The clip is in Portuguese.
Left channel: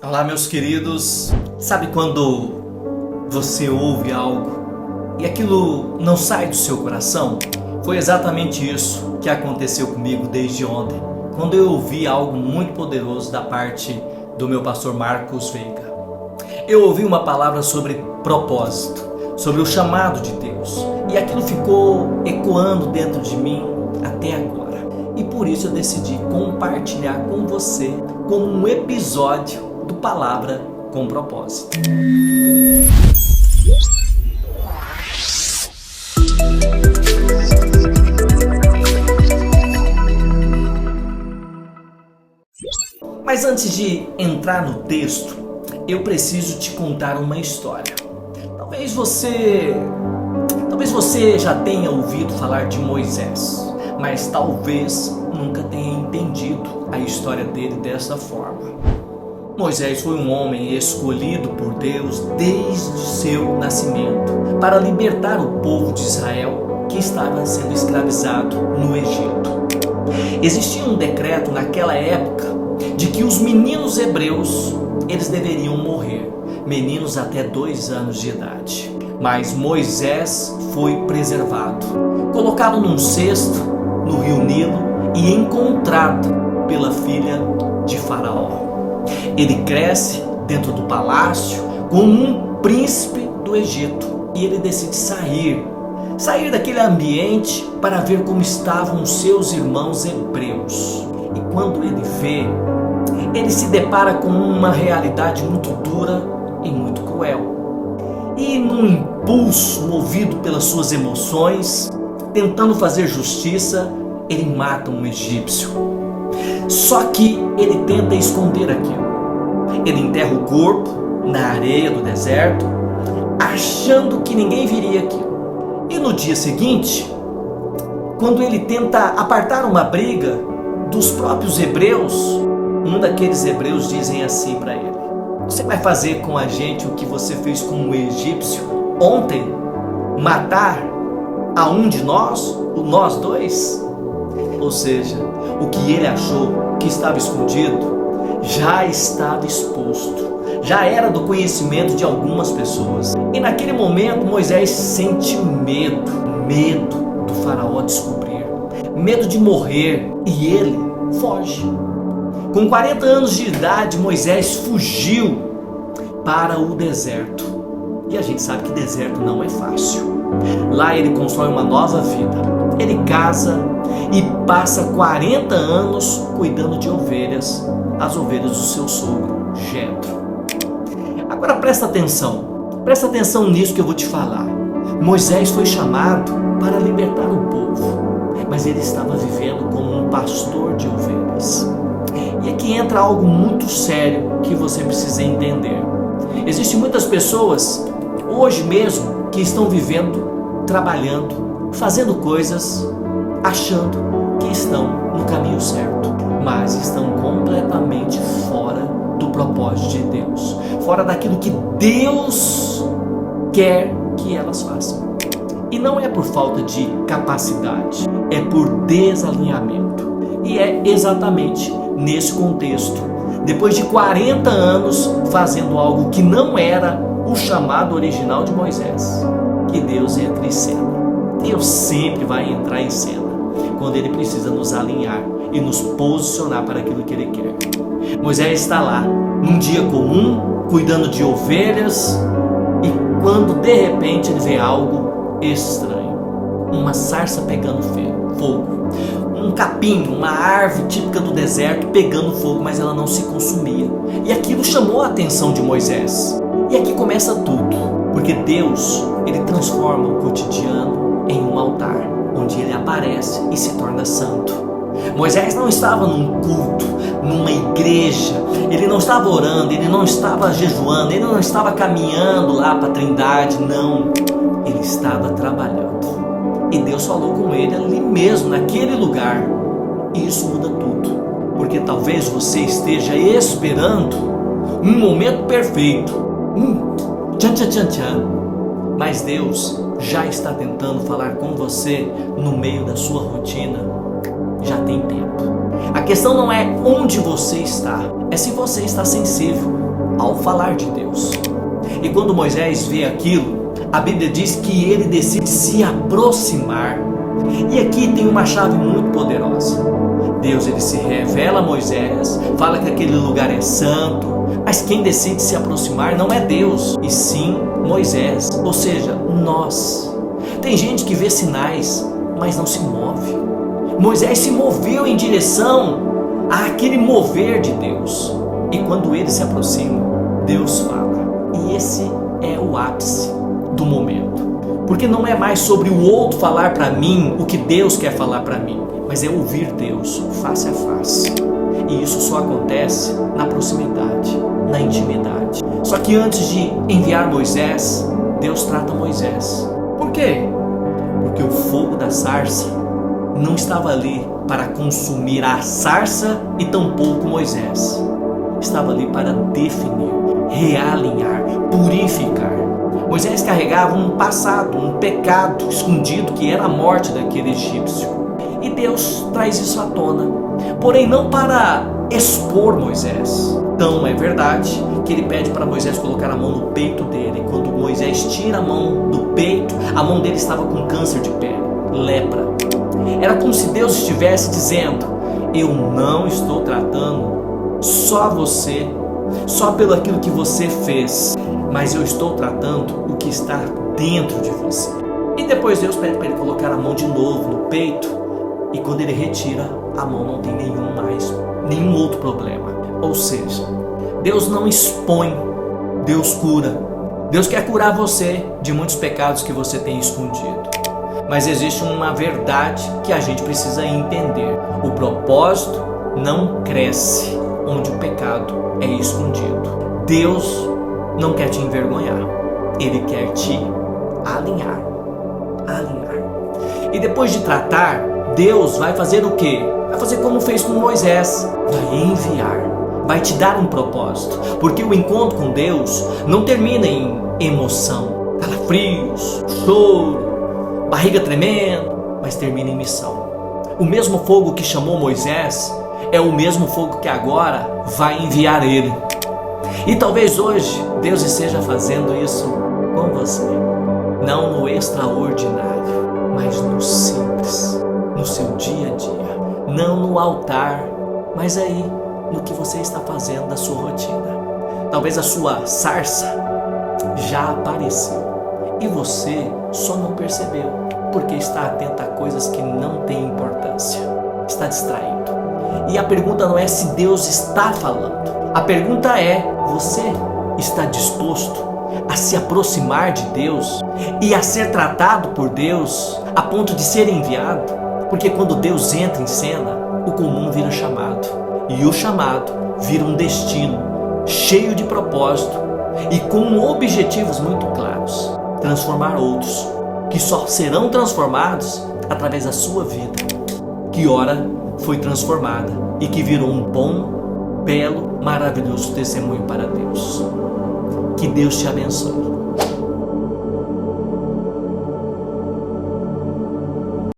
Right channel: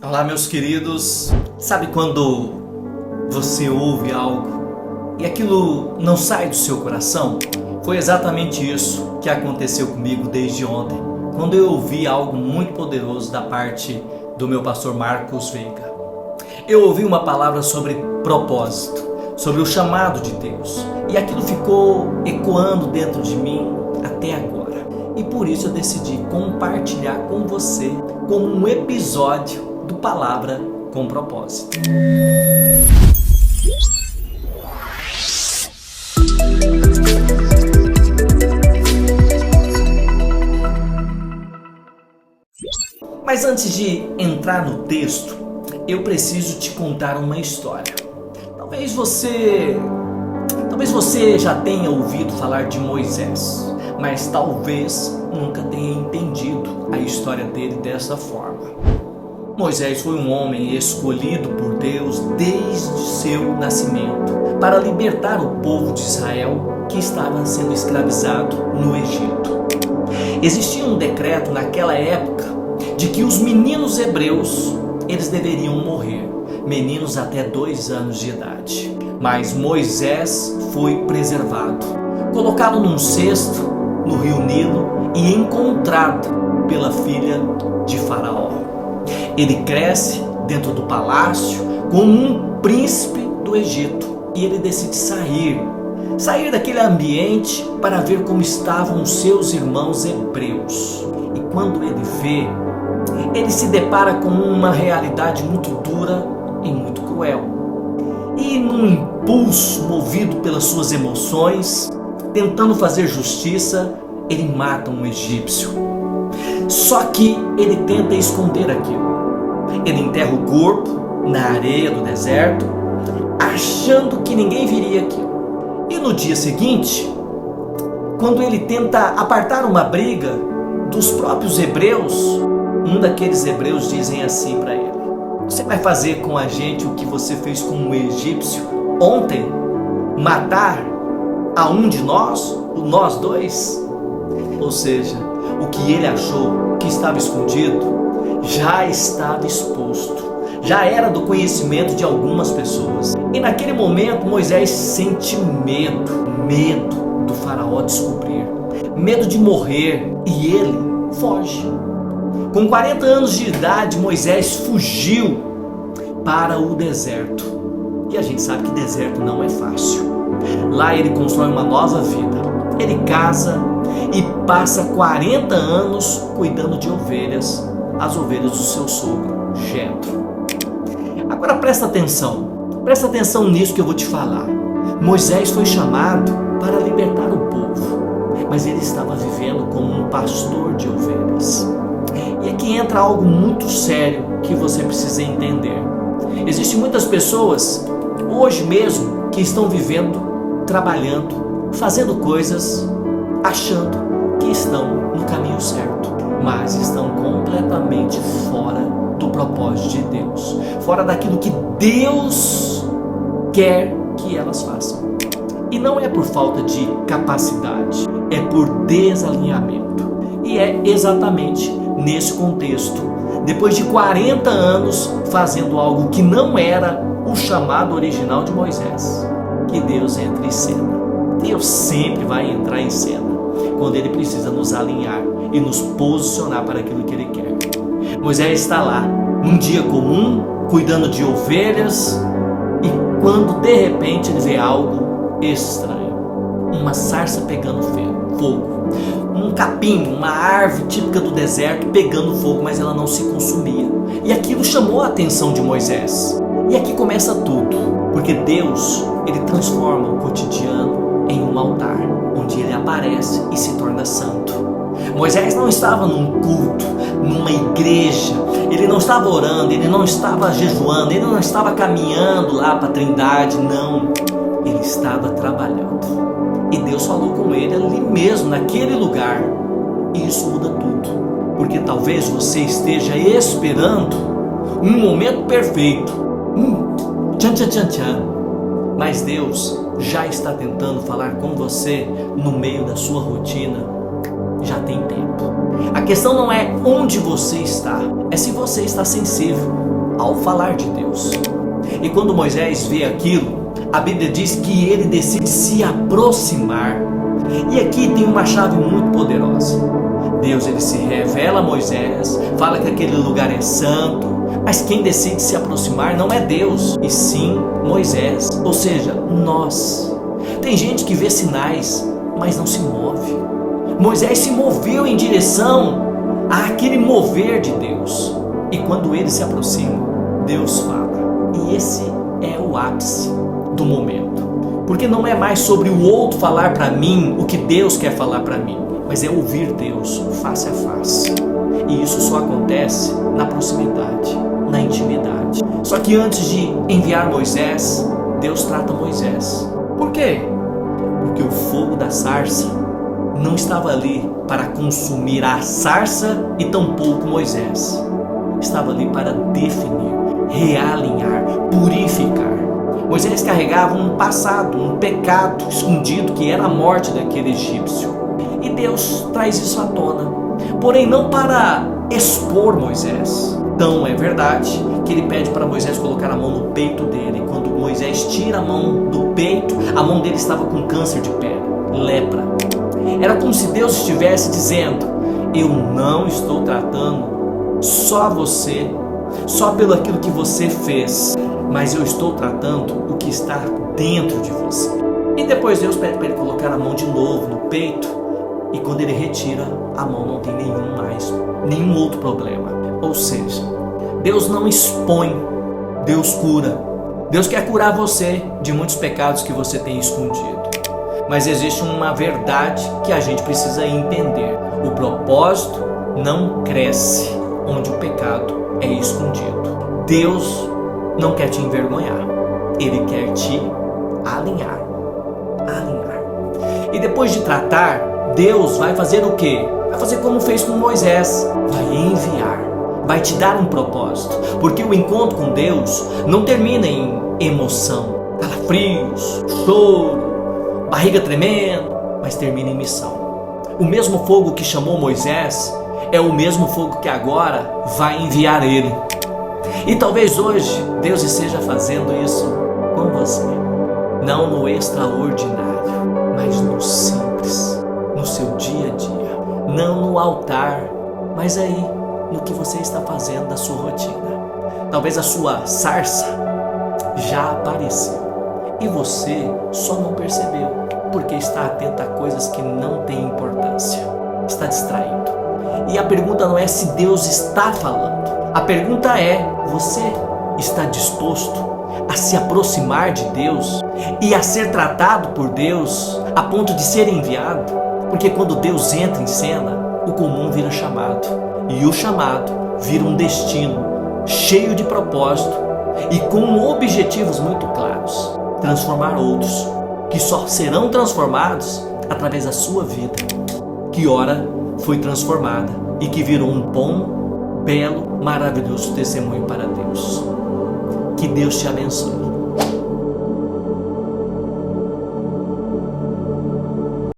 Olá, meus queridos. Sabe quando você ouve algo e aquilo não sai do seu coração? Foi exatamente isso que aconteceu comigo desde ontem, quando eu ouvi algo muito poderoso da parte do meu pastor Marcos Veiga. Eu ouvi uma palavra sobre propósito, sobre o chamado de Deus, e aquilo ficou ecoando dentro de mim até agora. E por isso eu decidi compartilhar com você como um episódio do Palavra com Propósito. Mas antes de entrar no texto, eu preciso te contar uma história. Talvez você já tenha ouvido falar de Moisés, mas talvez nunca tenha entendido a história dele dessa forma. Moisés foi um homem escolhido por Deus desde seu nascimento para libertar o povo de Israel que estava sendo escravizado no Egito. Existia um decreto naquela época de que os meninos hebreus eles deveriam morrer, meninos até 2 anos de idade. Mas Moisés foi preservado, colocado num cesto no rio Nilo e encontrado pela filha de Faraó. Ele cresce dentro do palácio como um príncipe do Egito e ele decide sair daquele ambiente para ver como estavam os seus irmãos hebreus. E quando ele vê, ele se depara com uma realidade muito dura e muito cruel. E num impulso movido pelas suas emoções, tentando fazer justiça, ele mata um egípcio. Só que ele tenta esconder aquilo. Ele enterra o corpo na areia do deserto, achando que ninguém viria aquilo. E no dia seguinte, quando ele tenta apartar uma briga dos próprios hebreus, um daqueles hebreus dizem assim para ele: você vai fazer com a gente o que você fez com o egípcio ontem? Matar a um de nós, nós dois? Ou seja, o que ele achou que estava escondido já estava exposto, já era do conhecimento de algumas pessoas. E naquele momento Moisés sente medo do faraó descobrir, medo de morrer, e ele foge. Com 40 anos de idade, Moisés fugiu para o deserto. E a gente sabe que deserto não é fácil. Lá ele constrói uma nova vida. Ele casa e passa 40 anos cuidando de ovelhas, as ovelhas do seu sogro, Jetro. Agora presta atenção nisso que eu vou te falar. Moisés foi chamado para libertar o povo, mas ele estava vivendo como um pastor de ovelhas. E aqui entra algo muito sério que você precisa entender. Existem muitas pessoas, hoje mesmo, que estão vivendo, trabalhando, fazendo coisas, achando que estão no caminho certo, mas estão completamente fora do propósito de Deus, fora daquilo que Deus quer que elas façam. E não é por falta de capacidade, é por desalinhamento. E é exatamente nesse contexto, depois de 40 anos fazendo algo que não era o chamado original de Moisés, que Deus entra em cena. Deus sempre vai entrar em cena quando Ele precisa nos alinhar e nos posicionar para aquilo que Ele quer. Moisés está lá, num dia comum, cuidando de ovelhas, e quando de repente ele vê algo estranho, uma sarça pegando fogo, um capim, uma árvore típica do deserto pegando fogo, mas ela não se consumia. E aquilo chamou a atenção de Moisés. E aqui começa tudo, porque Deus, Ele transforma o cotidiano em um altar, onde Ele aparece e se torna santo. Moisés não estava num culto, numa igreja, ele não estava orando, ele não estava jejuando, ele não estava caminhando lá para a Trindade, não. Ele estava trabalhando. E Deus falou com ele ali mesmo, naquele lugar. E isso muda tudo, porque talvez você esteja esperando um momento perfeito, tchan, mas Deus já está tentando falar com você no meio da sua rotina, já tem tempo. A questão não é onde você está, é se você está sensível ao falar de Deus. E quando Moisés vê aquilo, a Bíblia diz que ele decide se aproximar. E aqui tem uma chave muito poderosa. Deus ele se revela a Moisés, fala que aquele lugar é santo, mas quem decide se aproximar não é Deus, e sim Moisés, ou seja, nós. Tem gente que vê sinais, mas não se move. Moisés se moveu em direção àquele mover de Deus. E quando ele se aproxima, Deus fala. E esse é o ápice do momento. Porque não é mais sobre o outro falar para mim o que Deus quer falar para mim, mas é ouvir Deus face a face. E isso só acontece na proximidade, na intimidade. Só que antes de enviar Moisés, Deus trata Moisés. Por quê? Porque o fogo da sarça não estava ali para consumir a sarça e tampouco Moisés. Estava ali para definir, realinhar, purificar. Moisés carregava um passado, um pecado escondido que era a morte daquele egípcio. E Deus traz isso à tona, porém não para expor Moisés. Então é verdade que ele pede para Moisés colocar a mão no peito dele. E quando Moisés tira a mão do peito, a mão dele estava com câncer de pele, lepra. Era como se Deus estivesse dizendo: eu não estou tratando só você, só pelo aquilo que você fez, mas eu estou tratando o que está dentro de você. E depois Deus pede para ele colocar a mão de novo no peito, e quando ele retira a mão não tem nenhum outro problema. Ou seja, Deus não expõe, Deus cura. Deus quer curar você de muitos pecados que você tem escondido. Mas existe uma verdade que a gente precisa entender: o propósito não cresce onde o pecado é escondido. Deus não quer te envergonhar, Ele quer te alinhar. E depois de tratar, Deus vai fazer o quê? Vai fazer como fez com Moisés, vai enviar, vai te dar um propósito, porque o encontro com Deus não termina em emoção, calafrios, choro, barriga tremendo, mas termina em missão. O mesmo fogo que chamou Moisés é o mesmo fogo que agora vai enviar ele. E talvez hoje Deus esteja fazendo isso com você, não no extraordinário, mas no simples, no seu dia a dia, não no altar, mas aí no que você está fazendo da sua rotina. Talvez a sua sarça já apareceu e você só não percebeu, porque está atento a coisas que não têm importância, está distraído. E a pergunta não é se Deus está falando, a pergunta é: você está disposto a se aproximar de Deus e a ser tratado por Deus a ponto de ser enviado? Porque quando Deus entra em cena, o comum vira chamado, e o chamado vira um destino cheio de propósito e com objetivos muito claros: transformar outros, que só serão transformados através da sua vida, que ora foi transformada e que virou um bom, belo, maravilhoso testemunho para Deus. Que Deus te abençoe.